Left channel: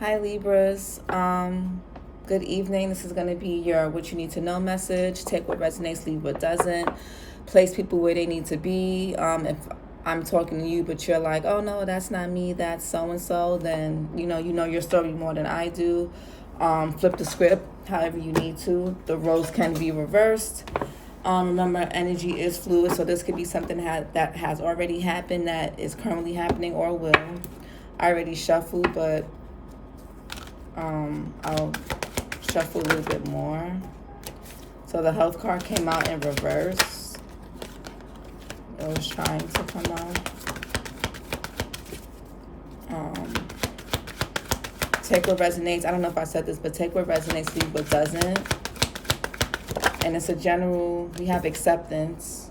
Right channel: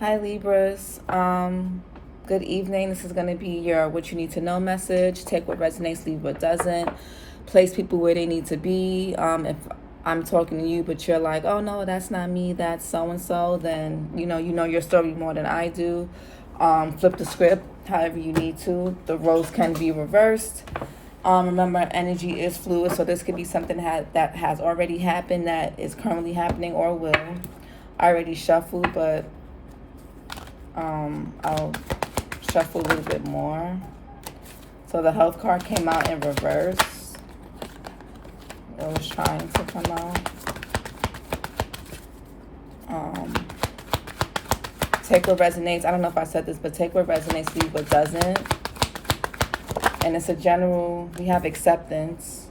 Hi Libras. Good evening. This is going to be your what you need to know message. Take what resonates, leave what doesn't. Place people where they need to be. If I'm talking to you, but you're like, oh no, that's not me, that's so and so, then you know your story more than I do. Flip the script however you need to. The roles can be reversed. Remember, energy is fluid, so this could be something that has already happened, that is currently happening, or will. I already shuffled, but I'll shuffle a little bit more. So the health card came out in reverse. It was trying to come out. Take what resonates. I don't know if I said this, but take what resonates, leave what doesn't. And it's a general, we have acceptance.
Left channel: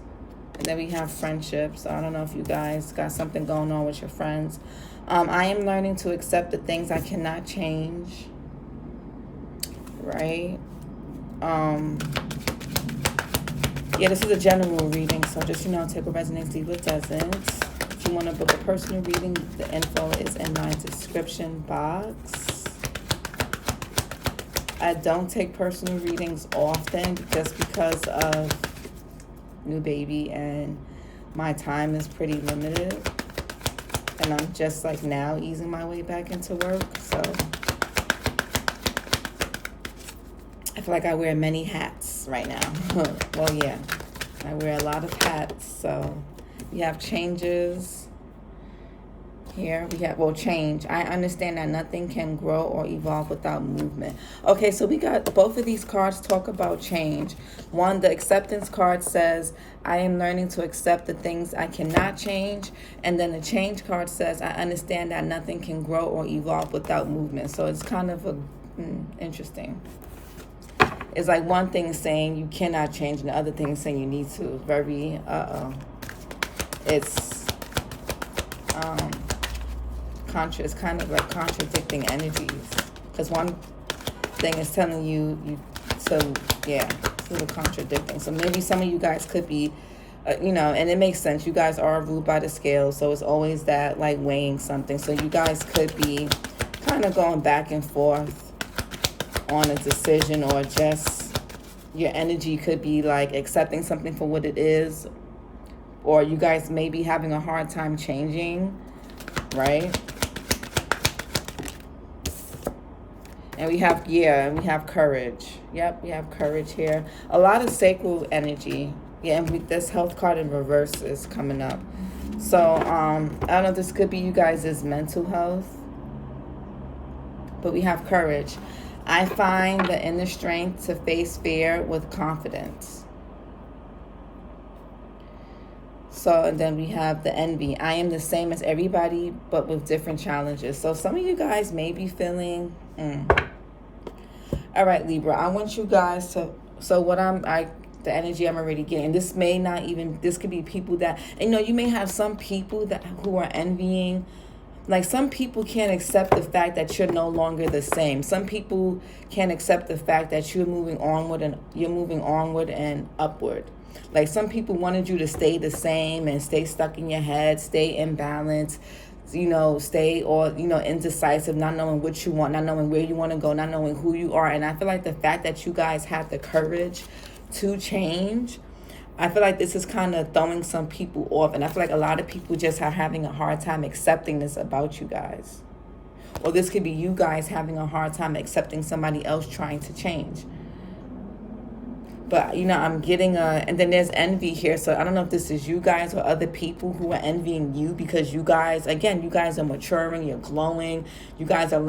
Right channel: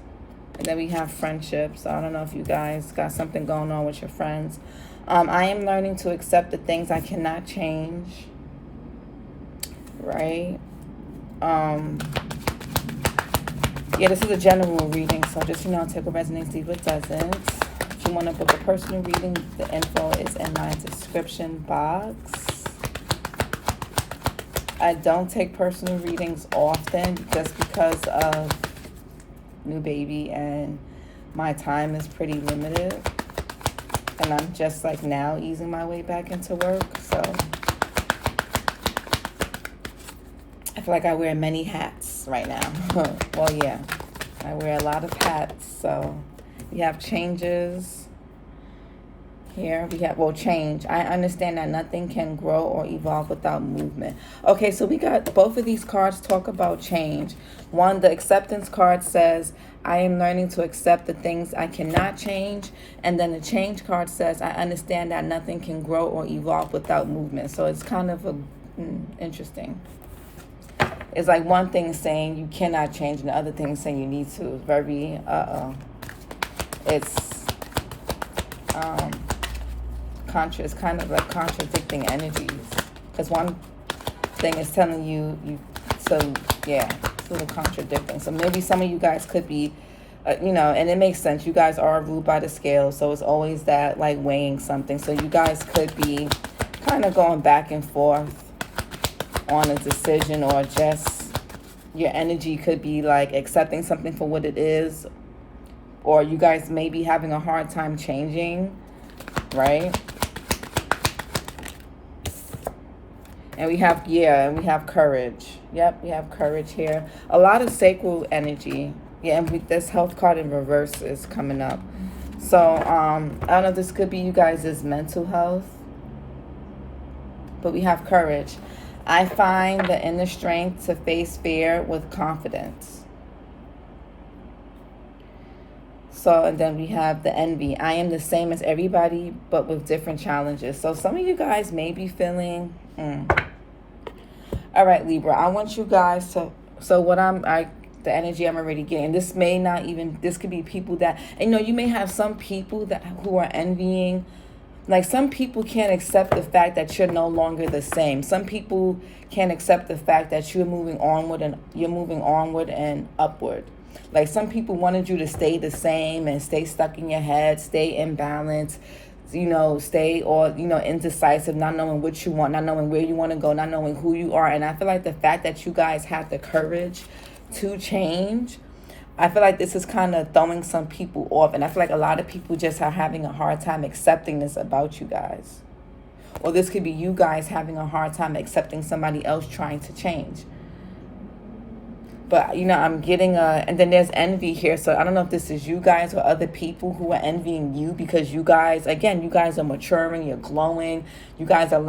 And then we have friendships. So I don't know if you guys got something going on with your friends. I am learning to accept the things I cannot change. Right? Yeah, this is a general reading. So just, take what resonates, leave what doesn't. If you want to book a personal reading, the info is in my description box. I don't take personal readings often just because of new baby and my time is pretty limited. And I'm just like now easing my way back into work. So I feel like I wear many hats right now. Well, yeah, I wear a lot of hats. So we have changes. Here we have, change. I understand that nothing can grow or evolve without movement. Okay, so we got both of these cards talk about change. One, the acceptance card says, I am learning to accept the things I cannot change. And then the change card says, I understand that nothing can grow or evolve without movement. So it's kind of interesting. It's like one thing is saying you cannot change and the other thing is saying you need to. Very, it's it's kind of like contradicting energies, because one thing is telling you to, it's a little contradicting. So maybe some of you guys could be, and it makes sense. You guys are ruled by the scale, so it's always that like weighing something. So you guys could be kind of going back and forth on a decision, or just your energy could be like accepting something for what it is, or you guys may be having a hard time changing, right? And we have, we have courage. Yep, we have courage here. A lot of sacral energy. Yeah, and this health card in reverse is coming up. So, I don't know, this could be you guys' mental health. But we have courage. I find the inner strength to face fear with confidence. So, and then we have the envy. I am the same as everybody, but with different challenges. So some of you guys may be feeling... All right, Libra, I want you guys to... So the energy I'm already getting, this may not even... This could be people that... you may have some people who are envying. Like, some people can't accept the fact that you're no longer the same. Some people can't accept the fact that you're moving onward and upward. Like, some people wanted you to stay the same and stay stuck in your head, stay imbalanced, stay indecisive, not knowing what you want, not knowing where you want to go, not knowing who you are. And I feel like the fact that you guys have the courage to change, I feel like this is kind of throwing some people off. And I feel like a lot of people just are having a hard time accepting this about you guys. Or this could be you guys having a hard time accepting somebody else trying to change. But, I'm getting and then there's envy here. So I don't know if this is you guys or other people who are envying you, because you guys, again, you guys are maturing, you're glowing. You guys have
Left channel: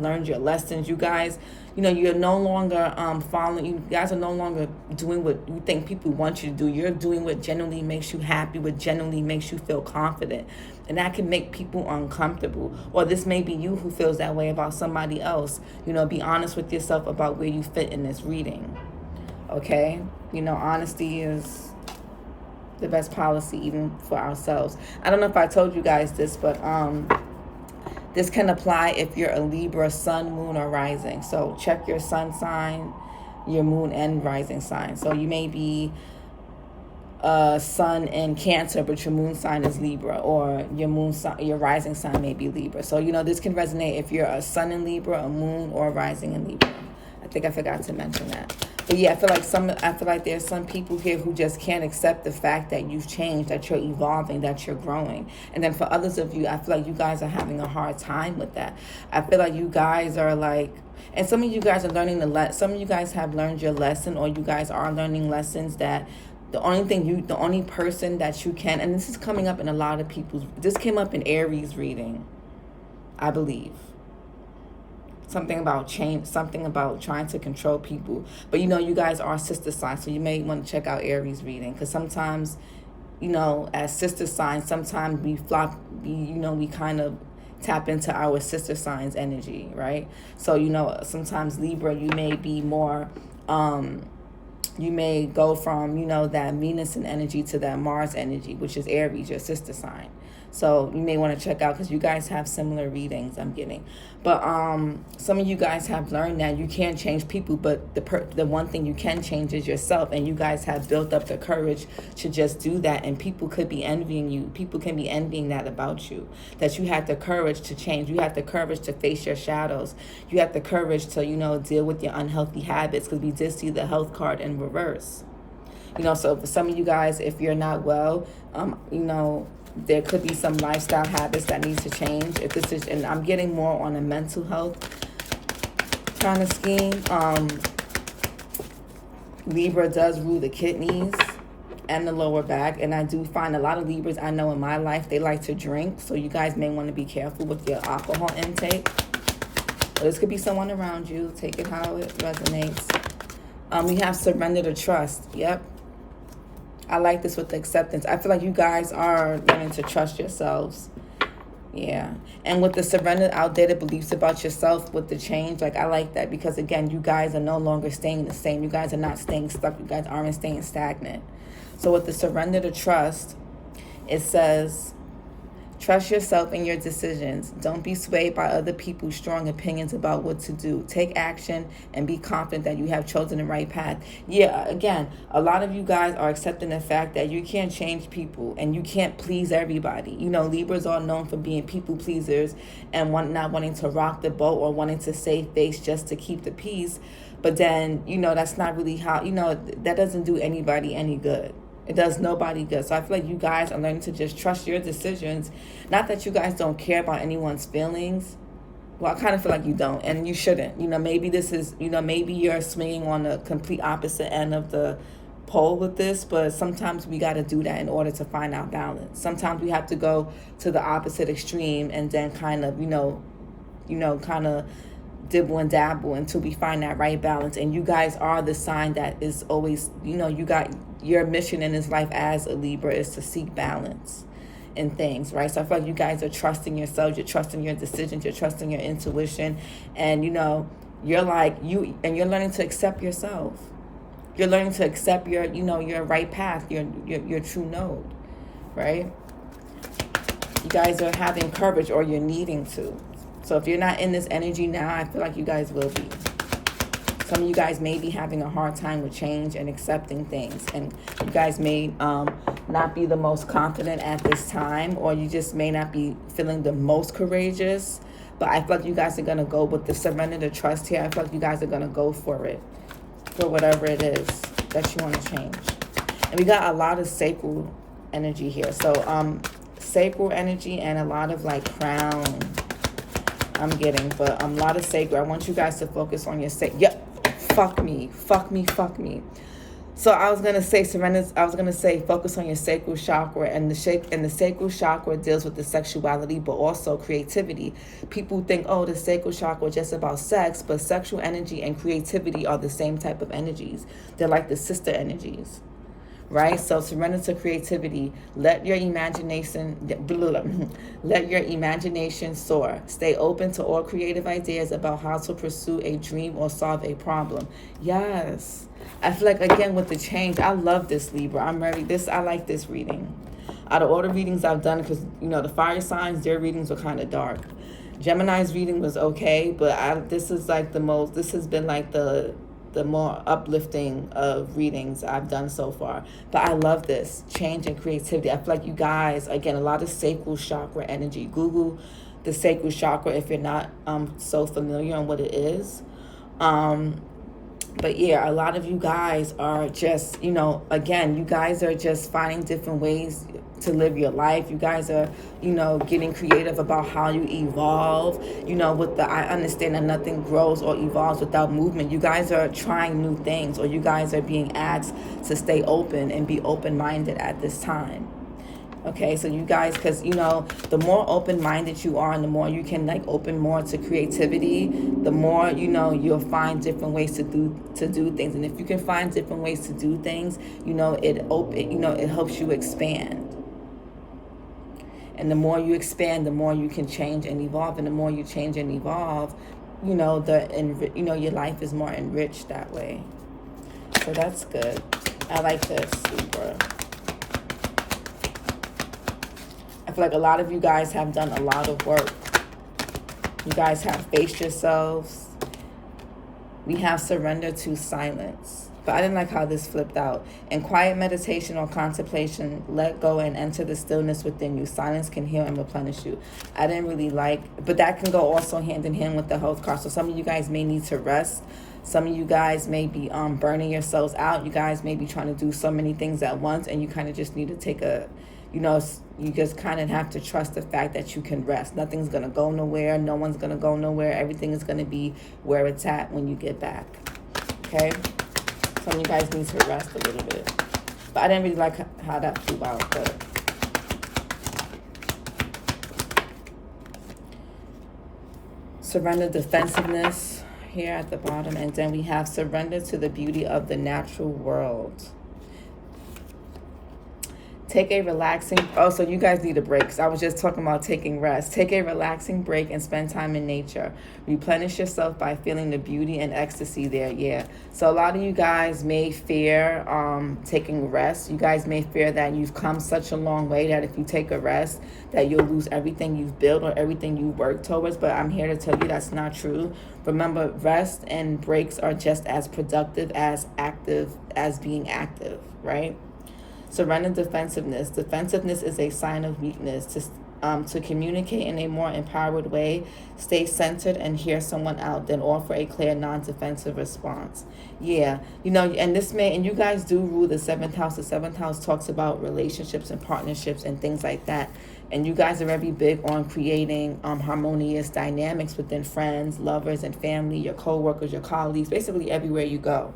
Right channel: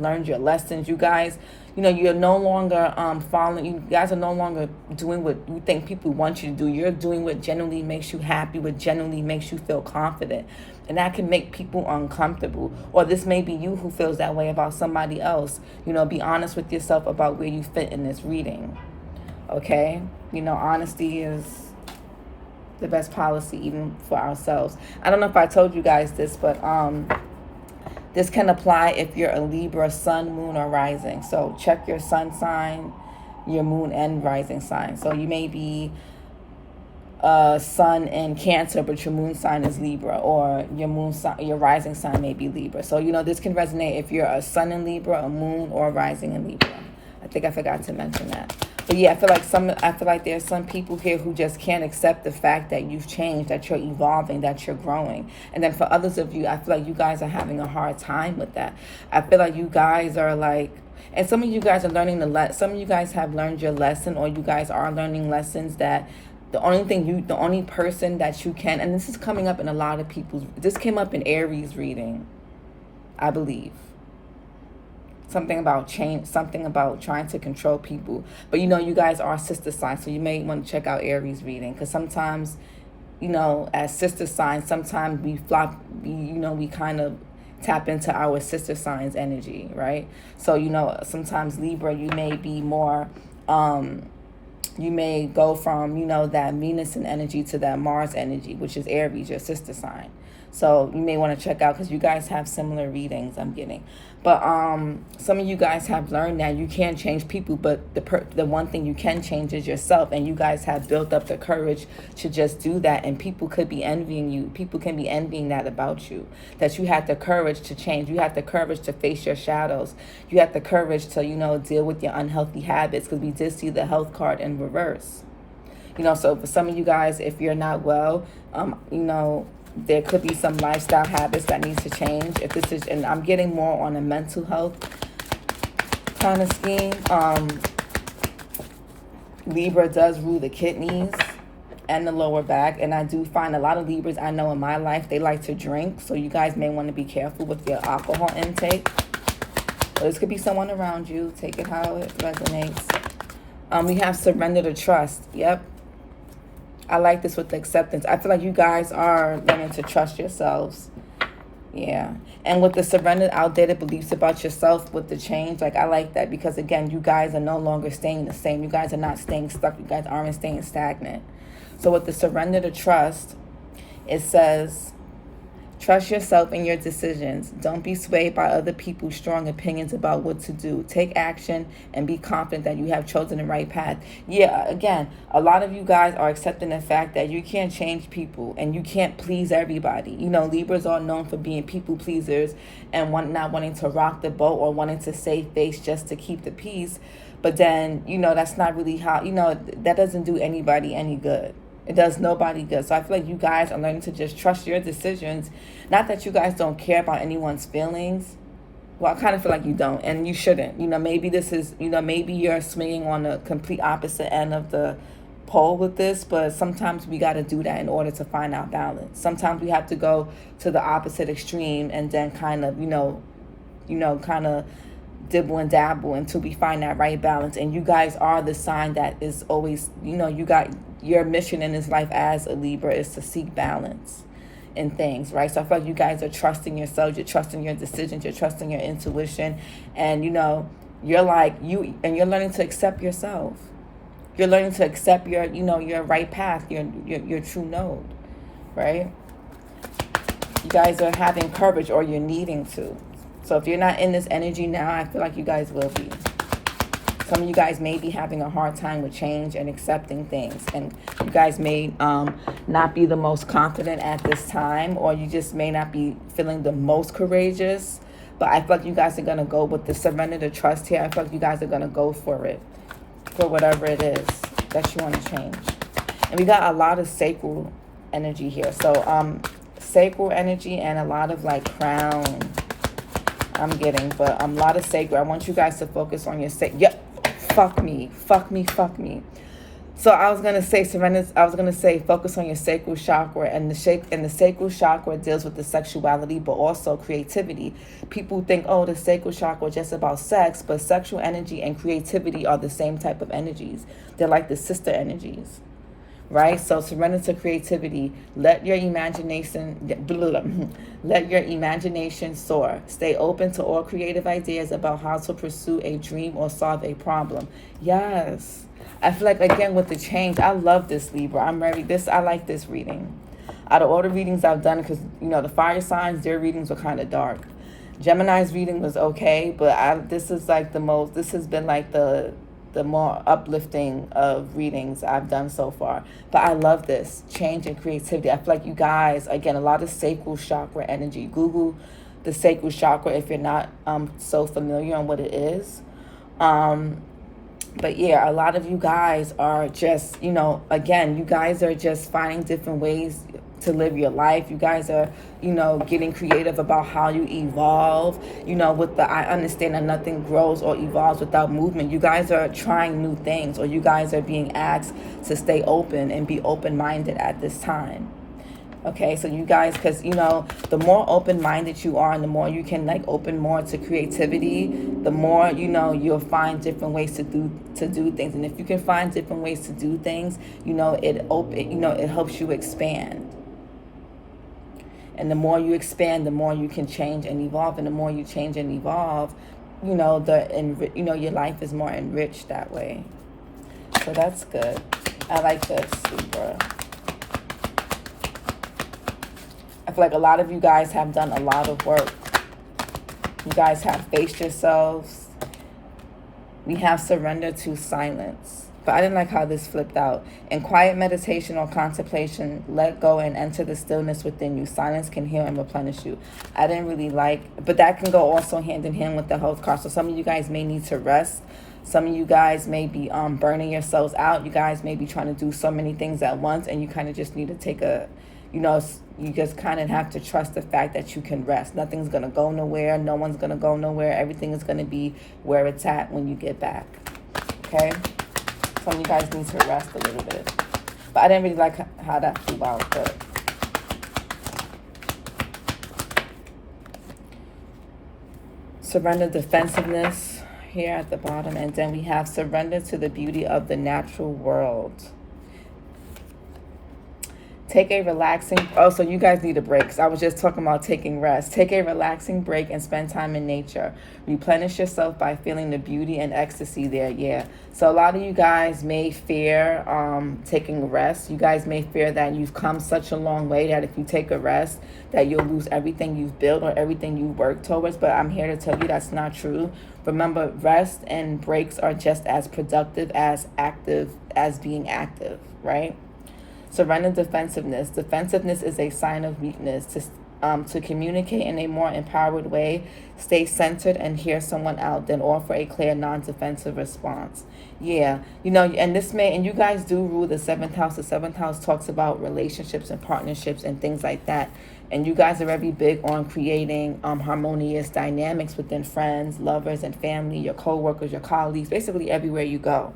learned your lessons. You guys, you're no longer following. You guys are no longer doing what you think people want you to do. You're doing what genuinely makes you happy, what genuinely makes you feel confident. And that can make people uncomfortable. Or this may be you who feels that way about somebody else. Be honest with yourself about where you fit in this reading. Okay, honesty is the best policy, even for ourselves. I don't know if I told you guys this, but this can apply if you're a Libra sun, moon, or rising. So check your sun sign, your moon, and rising sign. So you may be sun in Cancer, but your moon sign is Libra, or your moon sign, your rising sign may be Libra. So, this can resonate if you're a sun in Libra, a moon, or a rising in Libra. I think I forgot to mention that. But yeah, I feel like there's some people here who just can't accept the fact that you've changed, that you're evolving, that you're growing. And then for others of you, I feel like you guys are having a hard time with that. I feel like you guys are like, and some of you guys are learning some of you guys have learned your lesson, or you guys are learning lessons that the only person that you can, and this is coming up in a lot of people's, this came up in Aries reading, I believe. Something about change, something about trying to control people. But you guys are sister signs, so you may want to check out Aries reading, because sometimes, as sister signs, sometimes we we kind of tap into our sister signs energy, right? So, sometimes Libra, you may be more, you may go from, that Venus energy to that Mars energy, which is Aries, your sister sign. So you may want to check out, because you guys have similar readings I'm getting. But some of you guys have learned that you can't change people, but the one thing you can change is yourself. And you guys have built up the courage to just do that. And people could be envying you. People can be envying that about you, that you had the courage to change. You had the courage to face your shadows. You had the courage to, deal with your unhealthy habits, because we did see the health card in reverse. So for some of you guys, if you're not well, there could be some lifestyle habits that need to change. If this is, and I'm getting more on a mental health kind of scheme. Libra does rule the kidneys and the lower back, and I do find a lot of Libras I know in my life, they like to drink. So you guys may want to be careful with your alcohol intake. But this could be someone around you. Take it how it resonates. We have surrender to trust. Yep. I like this with the acceptance. I feel like you guys are learning to trust yourselves. Yeah. And with the surrender, outdated beliefs about yourself with the change, like I like that, because again, you guys are no longer staying the same. You guys are not staying stuck. You guys aren't staying stagnant. So with the surrender to trust, it says, trust yourself in your decisions. Don't be swayed by other people's strong opinions about what to do. Take action and be confident that you have chosen the right path. Yeah, again, a lot of you guys are accepting the fact that you can't change people and you can't please everybody. Libras are known for being people pleasers and not wanting to rock the boat or wanting to save face just to keep the peace. But then, that's not really how, that doesn't do anybody any good. It does nobody good. So I feel like you guys are learning to just trust your decisions. Not that you guys don't care about anyone's feelings. Well, I kind of feel like you don't, and you shouldn't. Maybe this is, maybe you're swinging on the complete opposite end of the pole with this, but sometimes we got to do that in order to find our balance. Sometimes we have to go to the opposite extreme and then kind of, kind of dibble and dabble until we find that right balance. And you guys are the sign that is always, you got your mission in this life as a Libra is to seek balance in things, right? So I feel like you guys are trusting yourselves, you're trusting your decisions, you're trusting your intuition, and you're like you're learning to accept yourself. You're learning to accept your your right path, your true node, right? You guys are having courage, or you're needing to. So if you're not in this energy now, I feel like you guys will be. Some of you guys may be having a hard time with change and accepting things. And you guys may not be the most confident at this time, or you just may not be feeling the most courageous. But I feel like you guys are going to go with the surrender to trust here. I feel like you guys are going to go for it, for whatever it is that you want to change. And we got a lot of sacral energy here. So sacral energy and a lot of like crown I'm getting, but a lot of sacral. I want you guys to focus on your fuck me. So I was gonna say surrender. I was gonna say focus on your sacral chakra, and the sacral chakra deals with the sexuality, but also creativity. People think, oh, the sacral chakra is just about sex, but sexual energy and creativity are the same type of energies. They're like the sister energies, right? So surrender to creativity. Let your imagination soar. Stay open to all creative ideas about how to pursue a dream or solve a problem. Yes. I feel like, again, with the change, I love this, Libra. I like this reading. Out of all the readings I've done, because, the fire signs, their readings were kind of dark. Gemini's reading was okay, but this has been like the the more uplifting of readings I've done so far. But I love this change and creativity. I feel like you guys, again, a lot of sacral chakra energy. Google the sacral chakra if you're not so familiar on what it is. But yeah, a lot of you guys are just, again, you guys are just finding different ways to live your life. You guys are, getting creative about how you evolve. I understand that nothing grows or evolves without movement. You guys are trying new things, or you guys are being asked to stay open and be open-minded at this time. Okay, so you guys, because, the more open-minded you are and the more you can, open more to creativity, the more, you'll find different ways to do things. And if you can find different ways to do things, it helps you expand. And the more you expand, the more you can change and evolve. And the more you change and evolve, your life is more enriched that way. So that's good. I like this, Libra. I feel like a lot of you guys have done a lot of work. You guys have faced yourselves. We have surrender to silence. But I didn't like how this flipped out. In quiet meditation or contemplation, let go and enter the stillness within you. Silence can heal and replenish you. I didn't really like, but that can go also hand in hand with the health card. So some of you guys may need to rest. Some of you guys may be burning yourselves out. You guys may be trying to do so many things at once, and you kind of just need to take a, you just kind of have to trust the fact that you can rest. Nothing's going to go nowhere. No one's going to go nowhere. Everything is going to be where it's at when you get back. Okay? Some of you guys need to rest a little bit. But I didn't really like how that flew out. But surrender defensiveness here at the bottom. And then we have surrender to the beauty of the natural world. Take a relaxing, so you guys need a break. So I was just talking about taking rest. Take a relaxing break and spend time in nature. Replenish yourself by feeling the beauty and ecstasy there. Yeah. So a lot of you guys may fear taking rest. You guys may fear that you've come such a long way that if you take a rest, that you'll lose everything you've built or everything you work towards. But I'm here to tell you that's not true. Remember, rest and breaks are just as productive as being active, right? Surrender defensiveness. Defensiveness is a sign of weakness. To communicate in a more empowered way, stay centered and hear someone out, then offer a clear, non-defensive response. Yeah, and you guys do rule the 7th house. The 7th house talks about relationships and partnerships and things like that. And you guys are very big on creating harmonious dynamics within friends, lovers, and family, your co-workers, your colleagues, basically everywhere you go.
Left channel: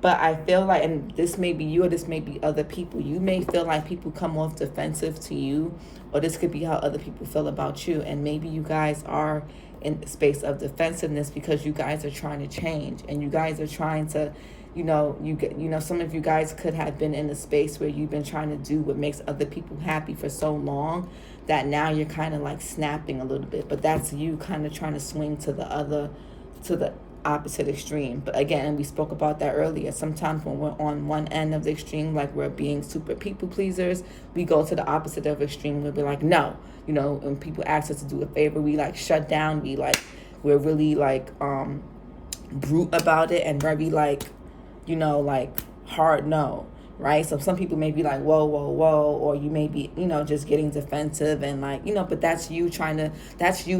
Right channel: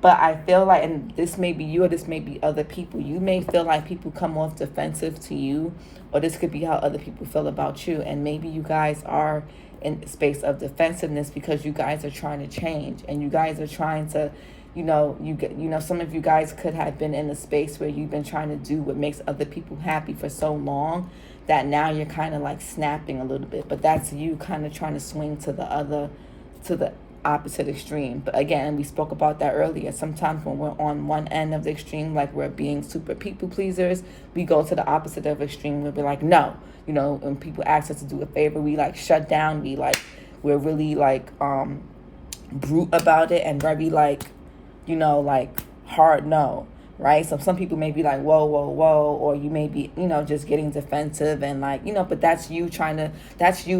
But I feel like, and this may be you or this may be other people, you may feel like people come off defensive to you, or this could be how other people feel about you. And maybe you guys are in a space of defensiveness because you guys are trying to change, and you guys are trying to, some of you guys could have been in a space where you've been trying to do what makes other people happy for so long that now you're kind of like snapping a little bit. But that's you kind of trying to swing to the opposite extreme. But again, we spoke about that earlier. Sometimes when we're on one end of the extreme, like we're being super people pleasers, we go to the opposite of extreme. We'll be like, no, when people ask us to do a favor, we like shut down. We're really like brute about it and very like hard no, right? So some people may be like, whoa, or you may be, just getting defensive and but that's you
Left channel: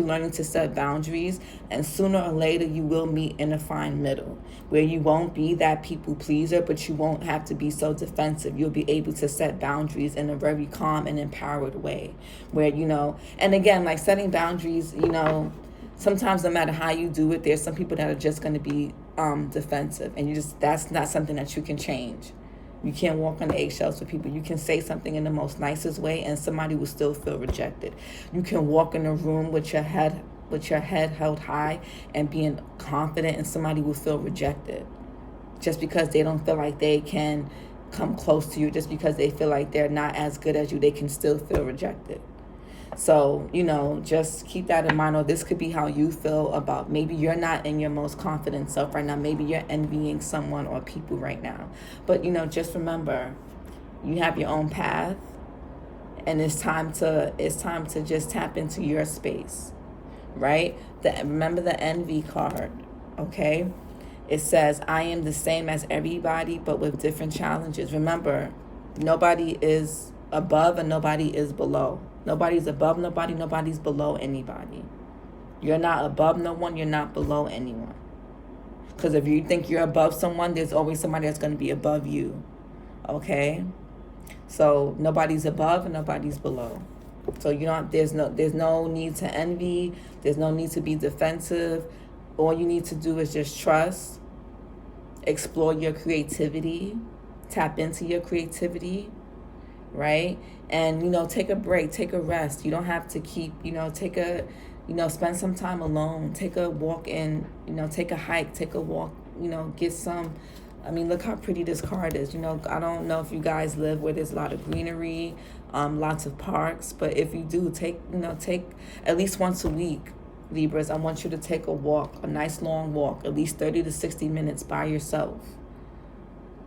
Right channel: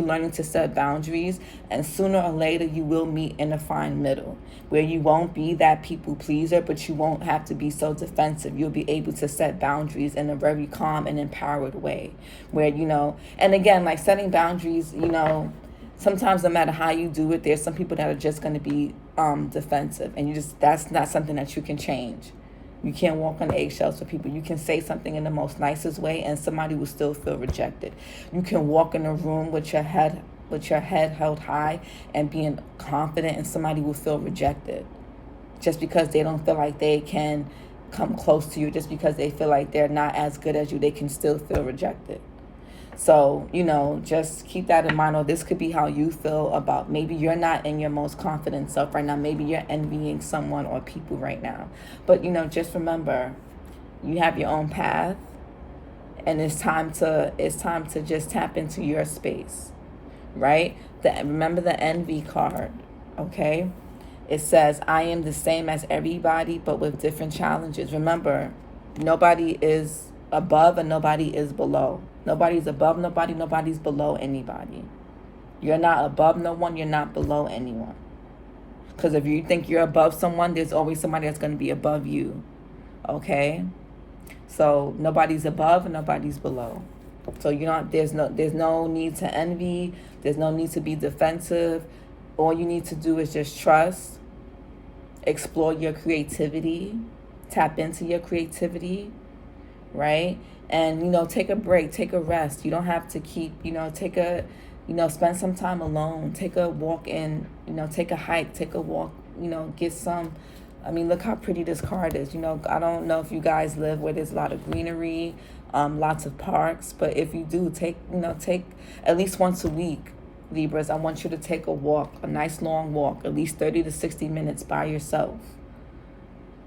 learning to set boundaries. And sooner or later you will meet in a fine middle where you won't be that people pleaser, but you won't have to be so defensive. You'll be able to set boundaries in a very calm and empowered way where, and again, like setting boundaries, sometimes no matter how you do it, there's some people that are just going to be defensive, and that's not something that you can change. You can't walk on the eggshells for people. You can say something in the most nicest way and somebody will still feel rejected. You can walk in a room with your head held high and being confident, and somebody will feel rejected just because they don't feel like they can come close to you. Just because they feel like they're not as good as you, they can still feel rejected. So, just keep that in mind. Or this could be how you feel about, maybe you're not in your most confident self right now. Maybe you're envying someone or people right now. But, just remember, you have your own path, and it's time to just tap into your space, right? Remember the envy card, okay? It says, I am the same as everybody, but with different challenges. Remember, nobody is above and nobody is below. Nobody's above nobody, nobody's below anybody. You're not above no one, you're not below anyone. Because if you think you're above someone, there's always somebody that's going to be above you. Okay? So nobody's above and nobody's below. So there's no need to envy. There's no need to be defensive. All you need to do is just trust, explore your creativity, tap into your creativity, right? And take a break, take a rest. You don't have to keep, spend some time alone. Take a walk take a hike, take a walk, get some. Look how pretty this card is. I don't know if you guys live where there's a lot of greenery, lots of parks, but if you do, take at least once a week, Libras, I want you to take a walk, a nice long walk, at least 30 to 60 minutes by yourself.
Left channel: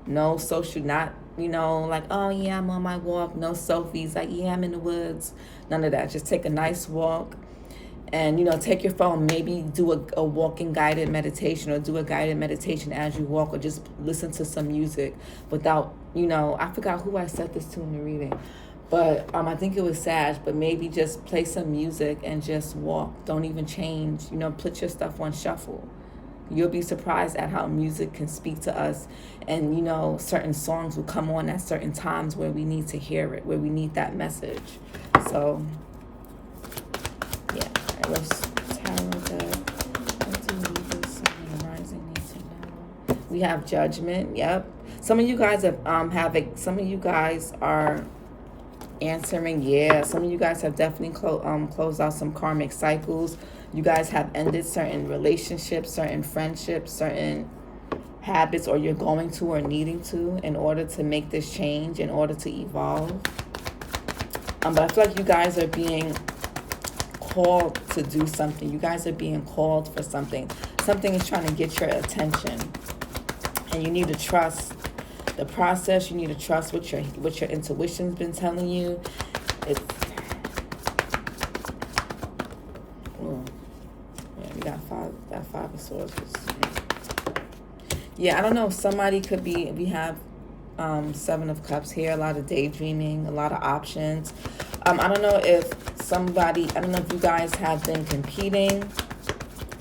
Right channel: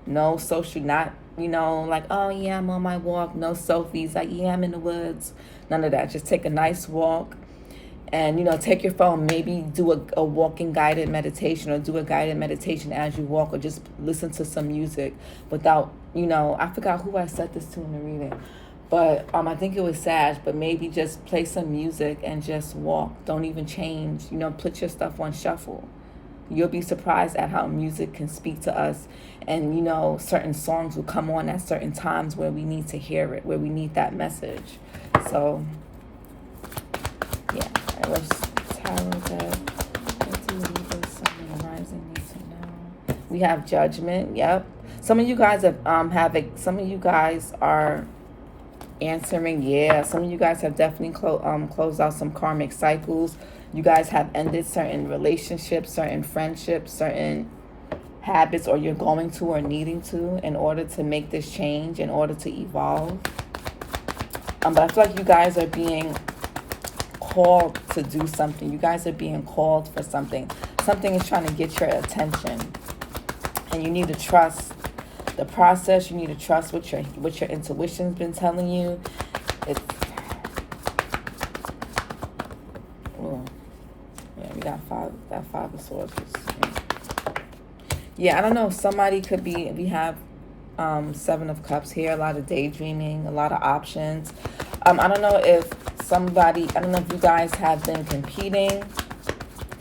No social, not, like, oh yeah, I'm on my walk. No selfies, like, yeah, I'm in the woods. None of that. Just take a nice walk. And, take your phone, maybe do a walking guided meditation, or do a guided meditation as you walk, or just listen to some music without, I forgot who I said this to in the reading. But I think it was Sag, but maybe just play some music and just walk. Don't even change, put your stuff on shuffle. You'll be surprised at how music can speak to us. And, certain songs will come on at certain times where we need to hear it, where we need that message. So, yeah. Let's tarot that. What do Libras, Sun, rising need to know? We have Judgment. Yep. Some of you guys some of you guys are answering. Yeah. Some of you guys have definitely closed out some karmic cycles. You guys have ended certain relationships, certain friendships, certain habits, or you're going to or needing to in order to make this change, in order to evolve. But I feel like you guys are being called to do something. You guys are being called for something. Something is trying to get your attention, and you need to trust the process. You need to trust what your intuition's been telling you. We got five of swords. Yeah, I don't know. Somebody could be. We have 7 of cups here. A lot of daydreaming. A lot of options. I don't know if you guys have been competing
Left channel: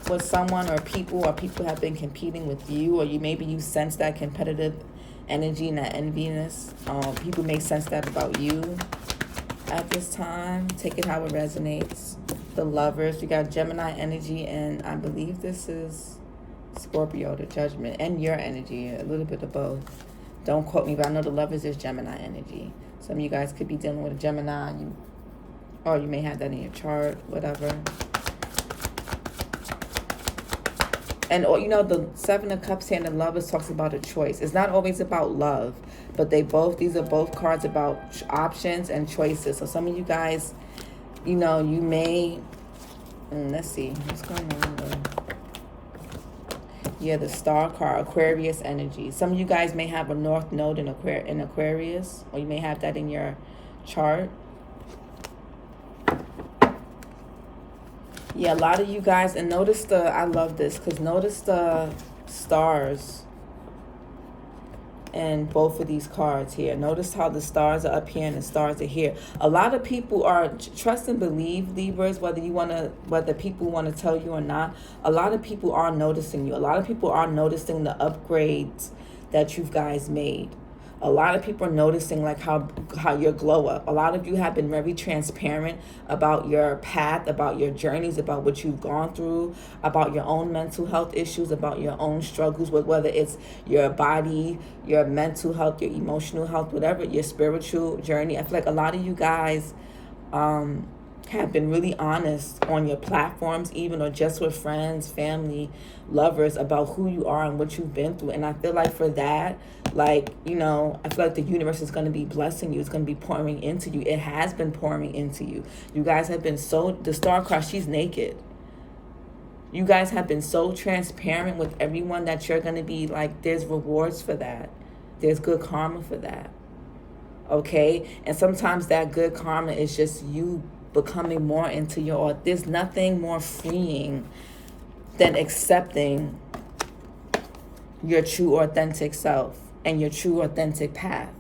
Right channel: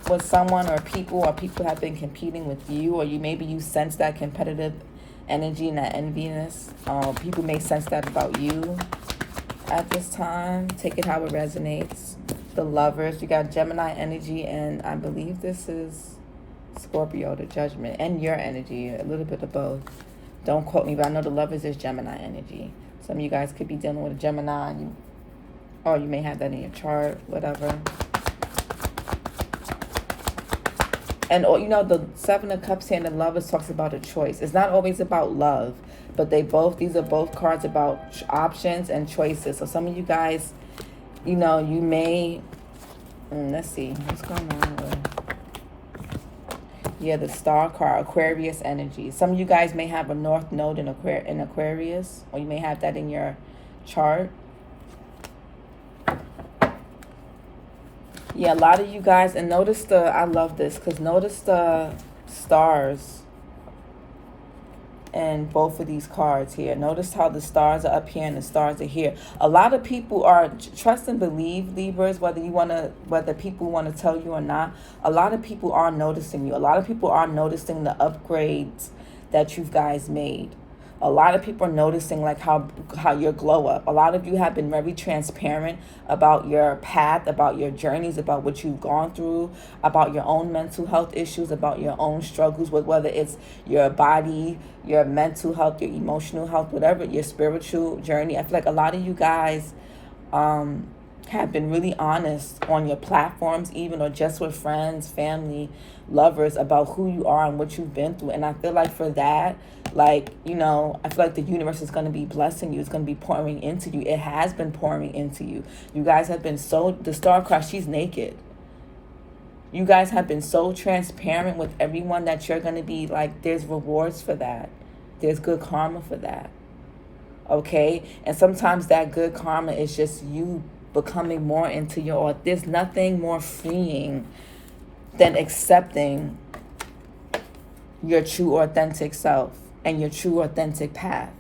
with someone, or people have been competing with you, or maybe you sense that competitive energy and that enviness. People may sense that about you at this time. Take it how it resonates. The Lovers, you got Gemini energy, and I believe this is Scorpio, the Judgment, and your energy, a little bit of both. Don't quote me, but I know the Lovers is Gemini energy. Some of you guys could be dealing with a Gemini, or you may have that in your chart, whatever. And, the 7 of Cups here and the Lovers talks about a choice. It's not always about love, but these are both cards about options and choices. So some of you guys, you may, let's see, what's going on there? Yeah, the Star card, Aquarius energy. Some of you guys may have a North Node in Aquarius, or you may have that in your chart. Yeah, a lot of you guys, and notice I love this, because notice the stars and both of these cards here. Notice how the stars are up here and the stars are here. A lot of people are, trust and believe, Libras, whether people want to tell you or not, a lot of people are noticing you. A lot of people are noticing the upgrades that you guys made. A lot of people are noticing like how your glow up. A lot of you have been very transparent about your path, about your journeys, about what you've gone through, about your own mental health issues, about your own struggles with whether it's your body, your mental health, your emotional health, whatever, your spiritual journey. I feel like a lot of you guys have been really honest on your platforms, even, or just with friends, family, lovers, about who you are and what you've been through. And I feel like for that, I feel like the universe is going to be blessing you. It's going to be pouring into you. It has been pouring into you. You guys have been the Star card, she's naked. You guys have been so transparent with everyone that you're going to be there's rewards for that. There's good karma for that. Okay? And sometimes that good karma is just you becoming more into there's nothing more freeing than accepting your true authentic self and your true authentic path.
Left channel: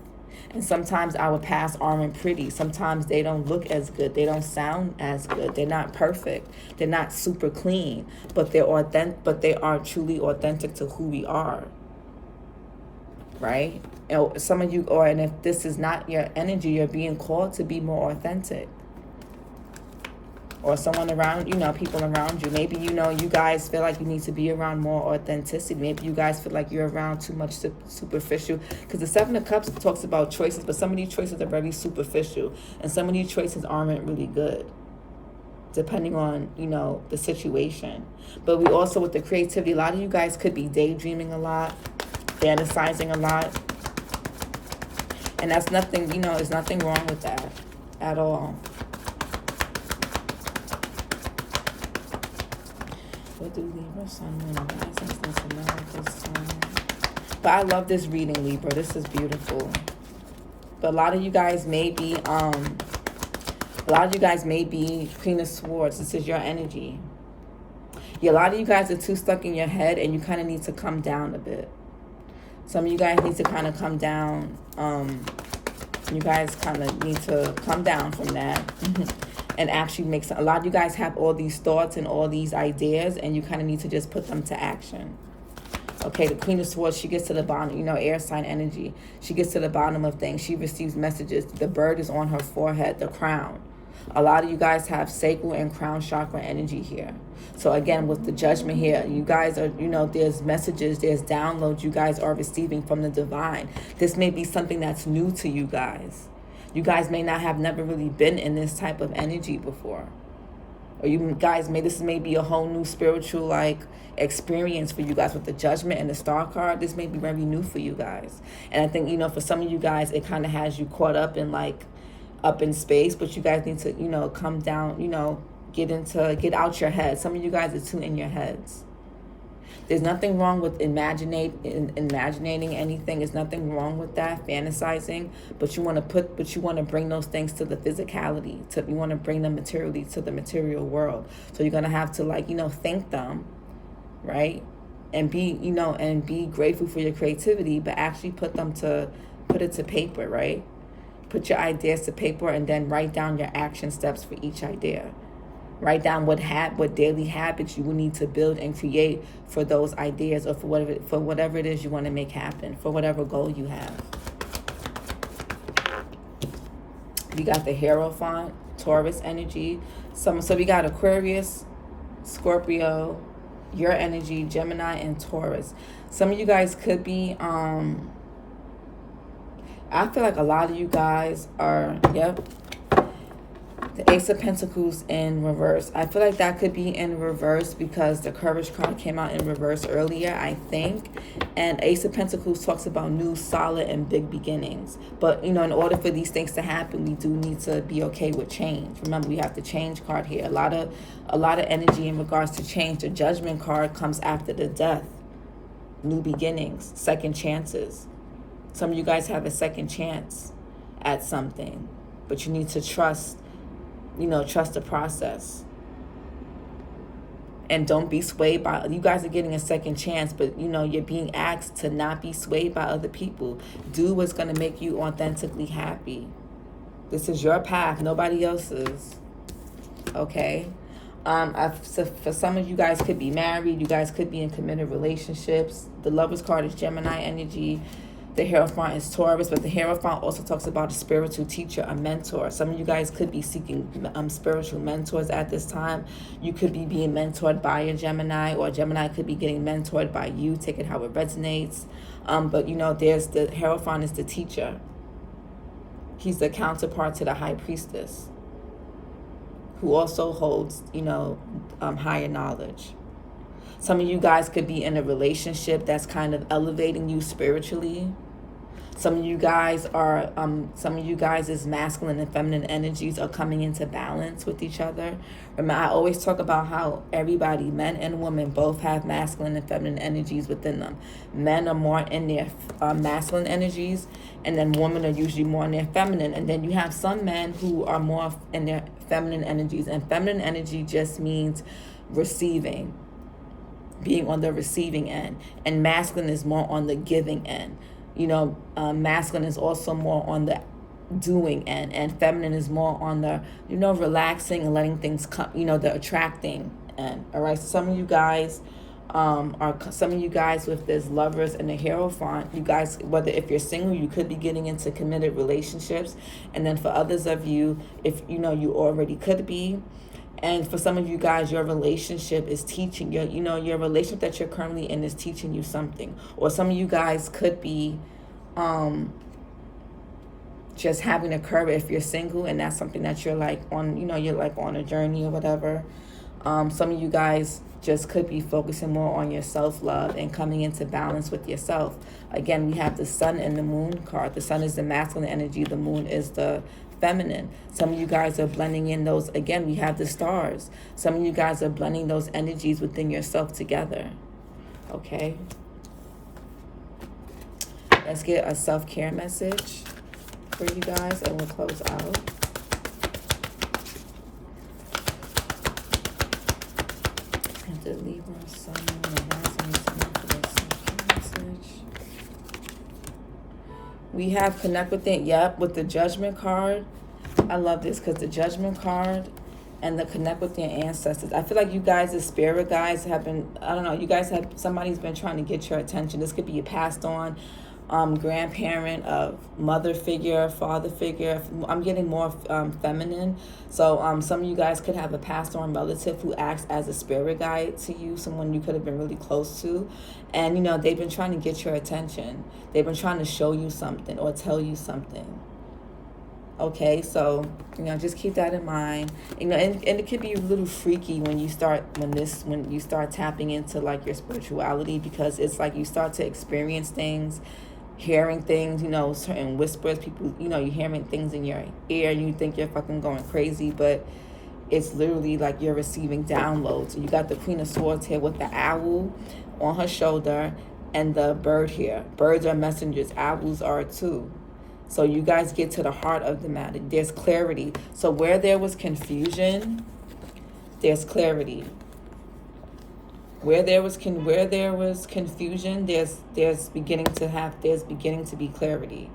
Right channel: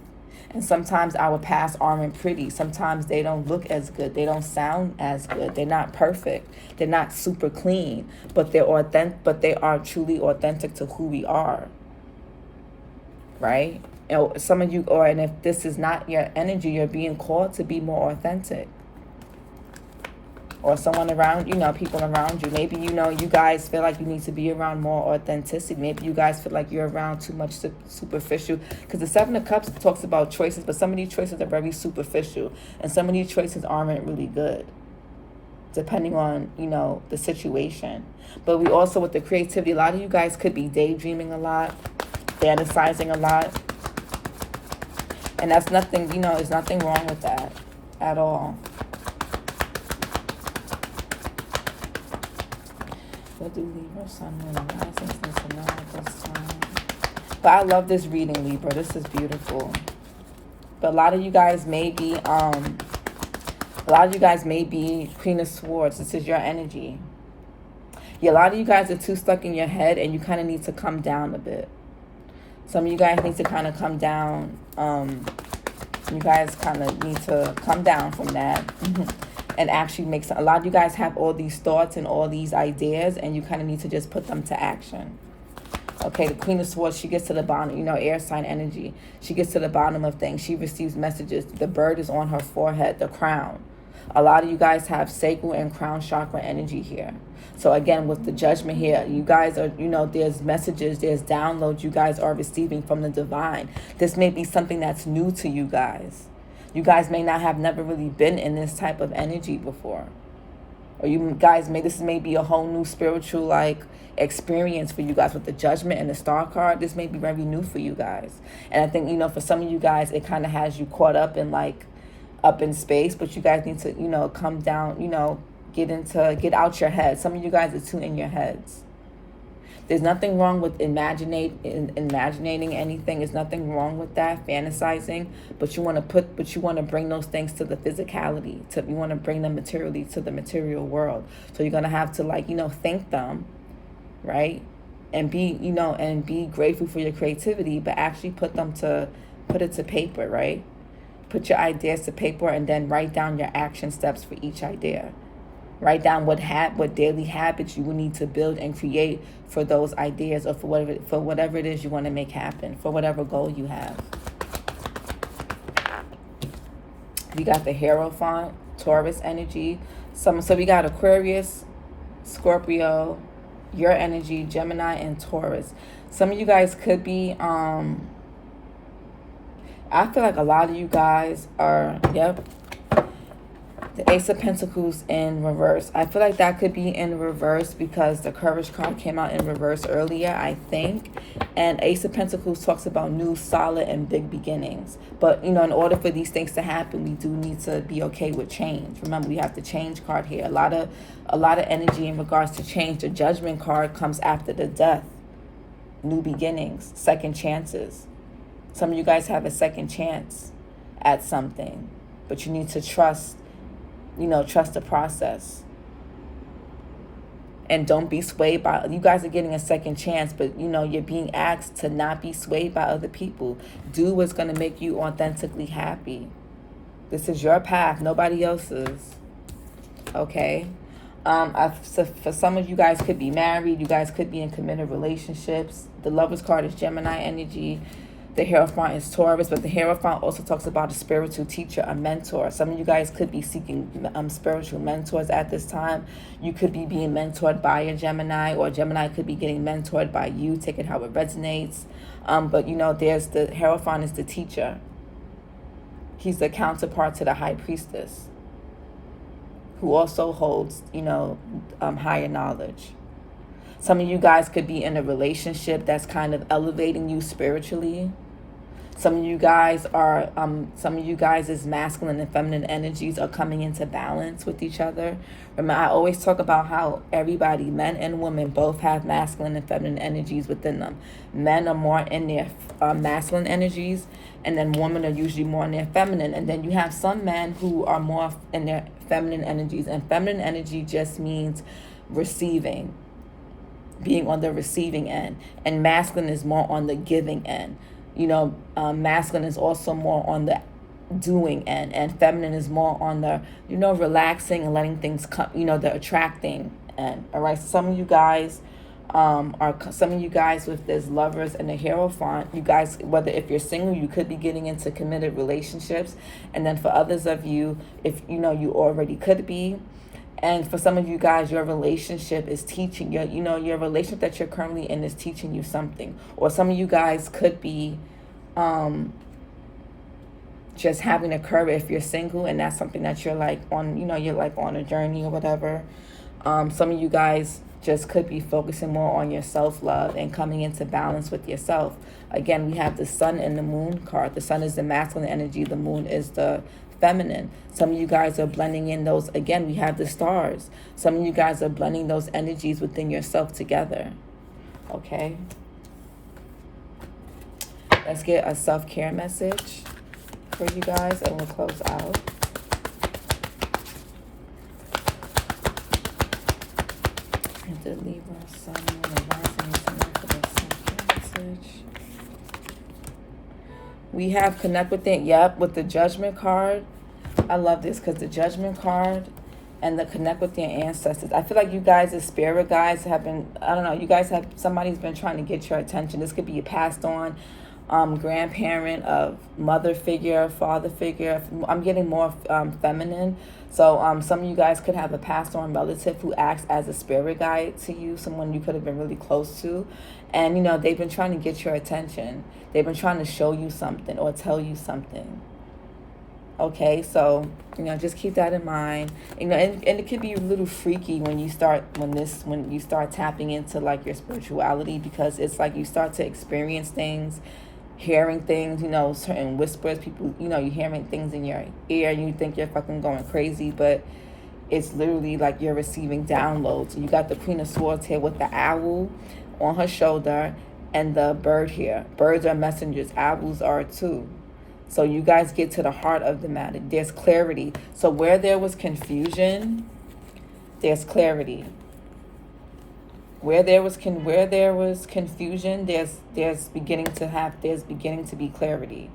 And sometimes our paths aren't pretty. Sometimes they don't look as good. They don't sound as good. They're not perfect. They're not super clean, but they're authentic, but they are truly authentic to who we are. Right? You know, some of you, and if this is not your energy, you're being called to be more authentic. Or someone around, people around you. Maybe, you guys feel like you need to be around more authenticity. Maybe you guys feel like you're around too much superficial. Because the Seven of Cups talks about choices, but some of these choices are very superficial. And some of these choices aren't really good, depending on, the situation. But we also, with the creativity, a lot of you guys could be daydreaming a lot, fantasizing a lot. And that's nothing, there's nothing wrong with that at all. What do Libra, Sun, and Rising, America, Sun? But I love this reading, Libra. This is beautiful. But a lot of you guys may be, Queen of Swords. This is your energy. Yeah, a lot of you guys are too stuck in your head, and you kind of need to come down a bit. Some of you guys need to kind of come down. You guys kind of need to come down from that. And actually make some. A lot of you guys have all these thoughts and all these ideas, and you kind of need to just put them to action. Okay, the Queen of Swords, she gets to the bottom, air sign energy. She gets to the bottom of things. She receives messages. The bird is on her forehead, the crown. A lot of you guys have sacral and crown chakra energy here. So again, with the Judgment here, you guys are, there's messages, there's downloads you guys are receiving from the divine. This may be something that's new to you guys. You guys may not have never really been in this type of energy before. Or you guys this may be a whole new spiritual experience for you guys with the Judgment and the Star card. This may be very new for you guys. And I think, for some of you guys, it kind of has you caught up in up in space, but you guys need to, come down, get out your head. Some of you guys are too in your heads. There's nothing wrong with imagining anything. There's nothing wrong with that, fantasizing. But you want to bring those things to the physicality. You want to bring them materially to the material world. So you're gonna have to think them, right? And be grateful for your creativity, but actually put it to paper, right? Put your ideas to paper and then write down your action steps for each idea. Write down what daily habits you will need to build and create for those ideas, or for whatever it is you want to make happen, for whatever goal you have. We got the Hierophant, Taurus energy. So we got Aquarius, Scorpio, your energy, Gemini, and Taurus. Some of you guys could be, I feel like a lot of you guys are, the Ace of Pentacles in reverse. I feel like that could be in reverse because the Courage card came out in reverse earlier, I think. And Ace of Pentacles talks about new, solid, and big beginnings. But, in order for these things to happen, we do need to be okay with change. Remember, we have the Change card here. A lot of energy in regards to change. The Judgment card comes after the death. New beginnings, second chances. Some of you guys have a second chance at something, but you need to trust the process. And don't be swayed by, you guys are getting a second chance, but you're being asked to not be swayed by other people. Do what's going to make you authentically happy. This is your path, nobody else's. Okay? So for some of you guys could be married, you guys could be in committed relationships. The Lovers card is Gemini energy. The Hierophant is Taurus, but the Hierophant also talks about a spiritual teacher, a mentor. Some of you guys could be seeking spiritual mentors at this time. You could be being mentored by a Gemini, or Gemini could be getting mentored by you. Take it how it resonates. But there's the Hierophant is the teacher. He's the counterpart to the High Priestess, who also holds, higher knowledge. Some of you guys could be in a relationship that's kind of elevating you spiritually. Some of you guys is masculine and feminine energies are coming into balance with each other. Remember, I always talk about how everybody, men and women, both have masculine and feminine energies within them. Men are more in their masculine energies, and then women are usually more in their feminine. And then you have some men who are more in their feminine energies, and feminine energy just means receiving. being on the receiving end, and masculine is more on the giving end. Masculine is also more on the doing end, and feminine is more on the relaxing and letting things come, the attracting end. All right, some of you guys with this Lovers and the Hierophant, you guys, whether if you're single, you could be getting into committed relationships, and then for others of you, if you already could be. And for some of you guys, your relationship is teaching you, your relationship that you're currently in is teaching you something. Or some of you guys could be just having a curve if you're single, and that's something that you're like on, you're like on a journey or whatever. Some of you guys just could be focusing more on your self-love and coming into balance with yourself. Again, we have the Sun and the Moon card. The Sun is the masculine energy. The Moon is the feminine. Some of you guys are blending in those. Again, we have the stars. Some of you guys are blending those energies within yourself together. Okay. Let's get a self-care message for you guys, and we'll close out. The Libra, Sun, message. We have connect with it. Yep, with the Judgment card. I love this because the Judgment card and the connect with your ancestors. I feel like you guys, the spirit guys, have been, I don't know, you guys have, somebody's been trying to get your attention. This could be a passed on grandparent, of mother figure, father figure. I'm getting more feminine. So some of you guys could have a passed on relative who acts as a spirit guide to you, someone you could have been really close to. And, they've been trying to get your attention. They've been trying to show you something or tell you something. Okay, so, just keep that in mind. And it could be a little freaky when you start tapping into like your spirituality, because it's like you start to experience things, hearing things, certain whispers, people, you're hearing things in your ear and you think you're fucking going crazy, but it's literally like you're receiving downloads. So you got the Queen of Swords here with the owl on her shoulder and the bird here. Birds are messengers. Owls are too. So you guys get to the heart of the matter. There's clarity. So where there was confusion, there's clarity. Where there was confusion, there's beginning to be clarity.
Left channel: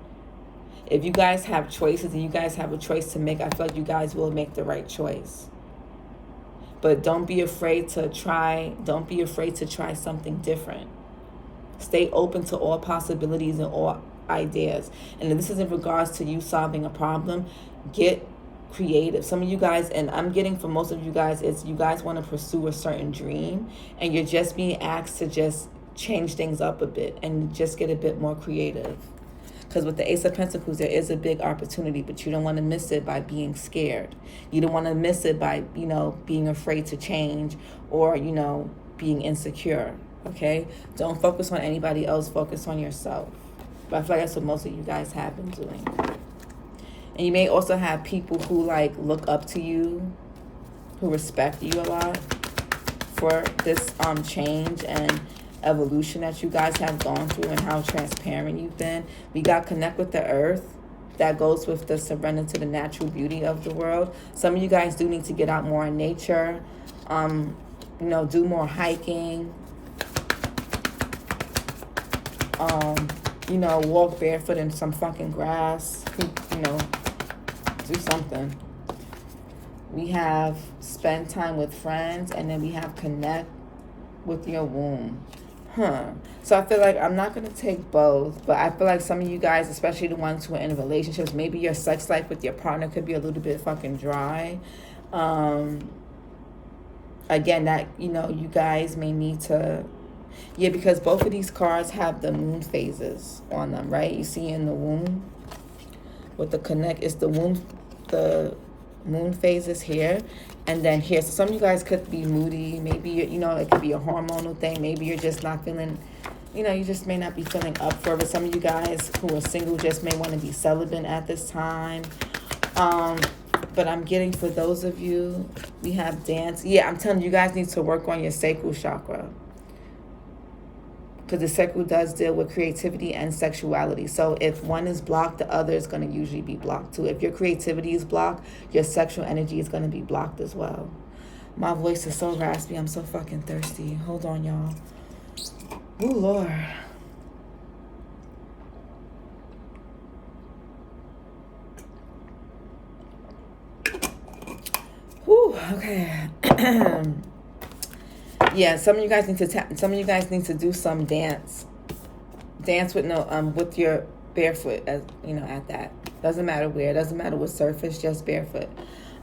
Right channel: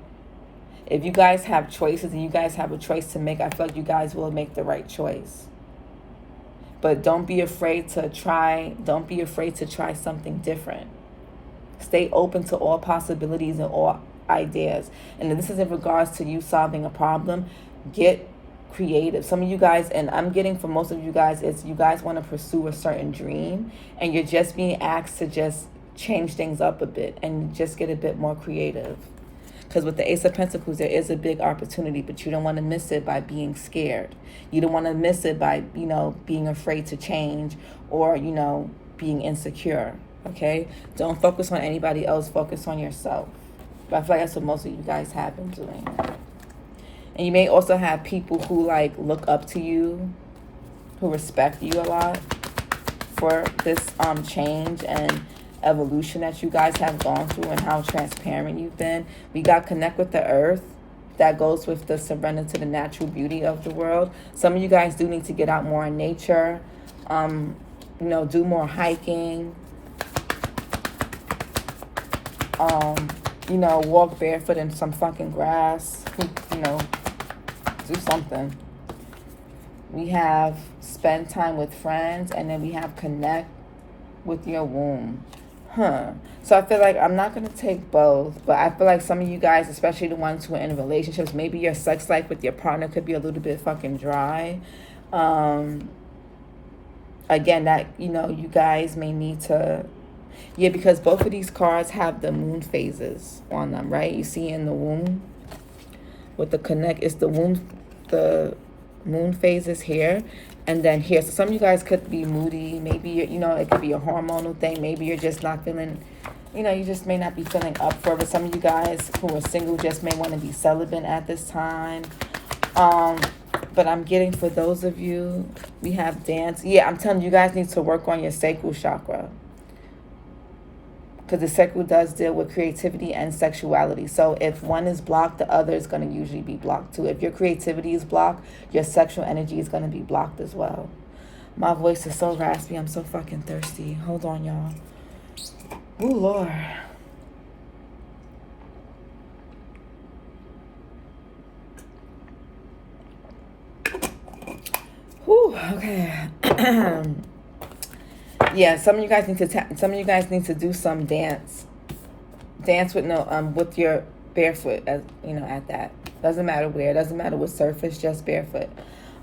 If you guys have choices and you guys have a choice to make, I feel like you guys will make the right choice. But don't be afraid to try something different. Stay open to all possibilities and all ideas. And this is in regards to you solving a problem. Get creative. Some of you guys, and I'm getting for most of you guys, is you guys want to pursue a certain dream and you're just being asked to just change things up a bit and just get a bit more creative. Because with the Ace of Pentacles, there is a big opportunity, but you don't want to miss it by being scared. You don't want to miss it by, being afraid to change or, being insecure. Okay? Don't focus on anybody else. Focus on yourself. But I feel like that's what most of you guys have been doing. And you may also have people who look up to you, who respect you a lot for this change and evolution that you guys have gone through and how transparent you've been. We got connect with the earth. That goes with the surrender to the natural beauty of the world. Some of you guys do need to get out more in nature, do more hiking, walk barefoot in some fucking grass, do something. We have spend time with friends, and then we have connect with your womb. So I feel like I'm not going to take both, but I feel like some of you guys, especially the ones who are in relationships, maybe your sex life with your partner could be a little bit fucking dry. Again, that, you guys may need to, because both of these cards have the moon phases on them, right? You see in the womb with the connect, it's the moon phases here and then here. So some of you guys could be moody. Maybe, it could be a hormonal thing. Maybe you're just not feeling, you just may not be feeling up for it. But some of you guys who are single just may want to be celibate at this time. But I'm getting for those of you, we have dance. Yeah, I'm telling you, you guys need to work on your sacral chakra. Because the sacral does deal with creativity and sexuality. So if one is blocked, the other is going to usually be blocked too. If your creativity is blocked, your sexual energy is going to be blocked as well. My voice is so raspy. I'm so fucking thirsty. Hold on, y'all. Oh, Lord. Whew, okay. Yeah, some of you guys need to do some dance with your barefoot, as you know, at that. Doesn't matter where, doesn't matter what surface, just barefoot.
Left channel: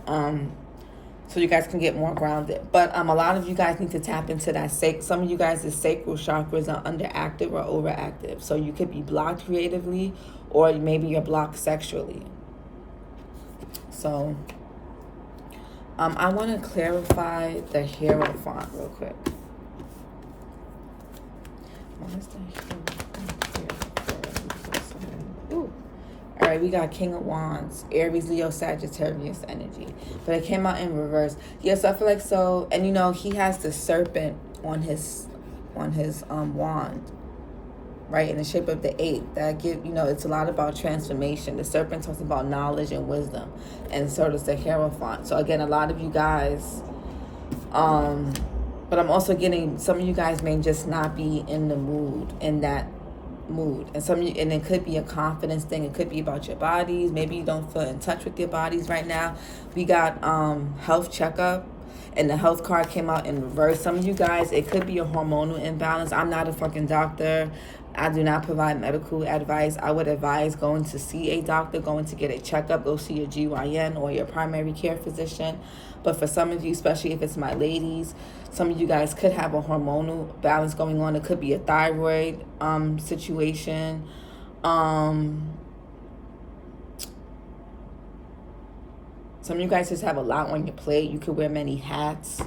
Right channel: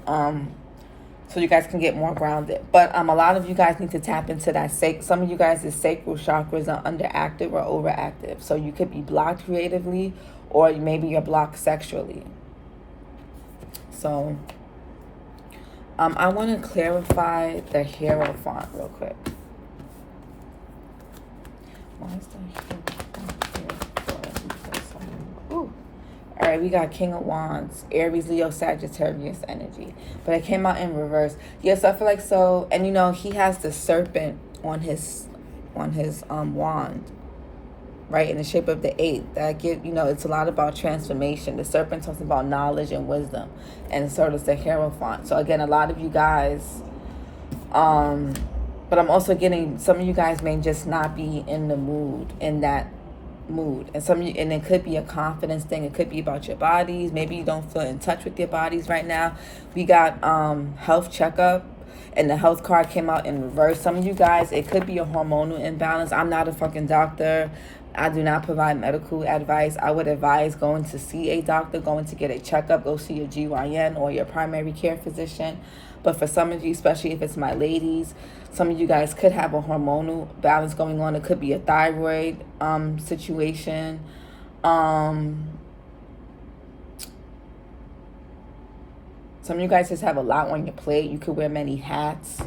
So you guys can get more grounded. But a lot of you guys need to tap into that some of you guys' sacral chakras are underactive or overactive. So you could be blocked creatively, or maybe you're blocked sexually. So I want to clarify the Hierophant real quick. Why is that? Ooh. All right, we got King of Wands, Aries, Leo, Sagittarius energy. But it came out in reverse. Yes, I feel like so. And, you know, he has the serpent on his wand, right, in the shape of the 8. That you know, it's a lot about transformation. The serpent talks about knowledge and wisdom. And so does the Hierophant. So, again, a lot of you guys, but I'm also getting, some of you guys may just not be in the mood, in that mood. And it could be a confidence thing. It could be about your bodies. Maybe you don't feel in touch with your bodies right now. We got health checkup, and the health card came out in reverse. Some of you guys, it could be a hormonal imbalance. I'm not a fucking doctor. I do not provide medical advice. I would advise going to see a doctor, going to get a checkup, go see your GYN or your primary care physician. But for some of you, especially if it's my ladies, some of you guys could have a hormonal balance going on. It could be a thyroid situation. Some of you guys just have a lot on your plate. You could wear many hats.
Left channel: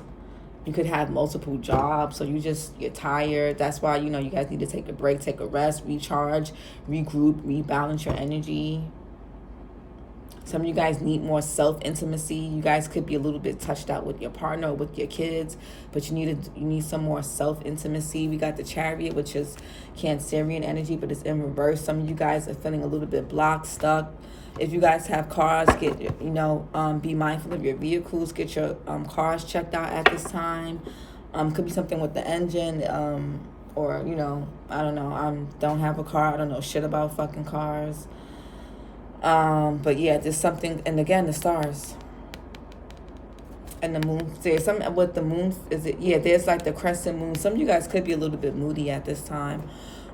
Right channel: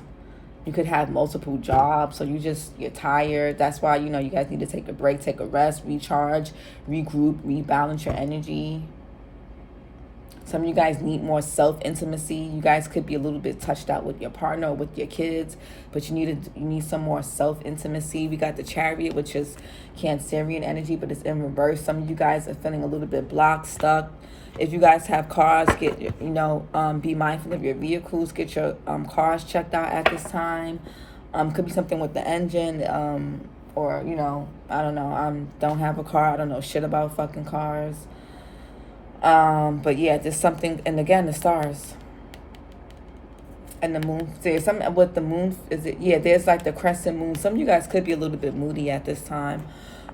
You could have multiple jobs. So you're tired. That's why, you know, you guys need to take a break, take a rest, recharge, regroup, rebalance your energy. Some of you guys need more self-intimacy. You guys could be a little bit touched out with your partner or with your kids, but you need some more self-intimacy. We got the Chariot, which is Cancerian energy, but it's in reverse. Some of you guys are feeling a little bit blocked, stuck. If you guys have cars, be mindful of your vehicles. Get your cars checked out at this time. Could be something with the engine, or, you know, I don't know. Don't have a car. I don't know shit about fucking cars. But yeah, there's something, and again, the stars and the moon. There's something with the moon. There's like the crescent moon. Some of you guys could be a little bit moody at this time.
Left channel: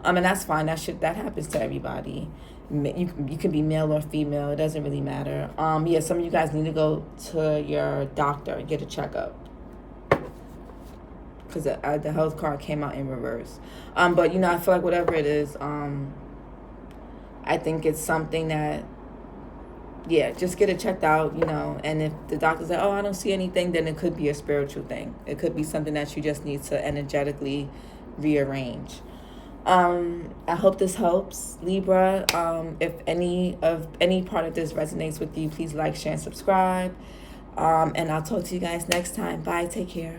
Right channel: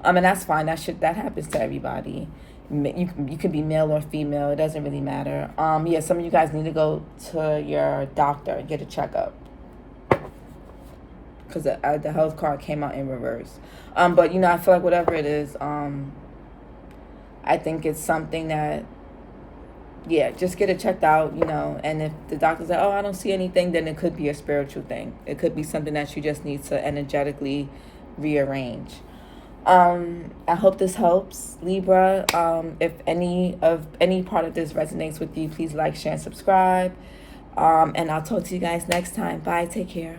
And that's fine. That happens to everybody. You can be male or female. It doesn't really matter. Some of you guys need to go to your doctor and get a checkup, because the health card came out in reverse. But, you know, I feel like whatever it is, I think it's something that, just get it checked out, you know. And if the doctor's like, oh, I don't see anything, then it could be a spiritual thing. It could be something that you just need to energetically rearrange. I hope this helps, Libra. If any part of this resonates with you, please like, share, and subscribe. And I'll talk to you guys next time. Bye. Take care.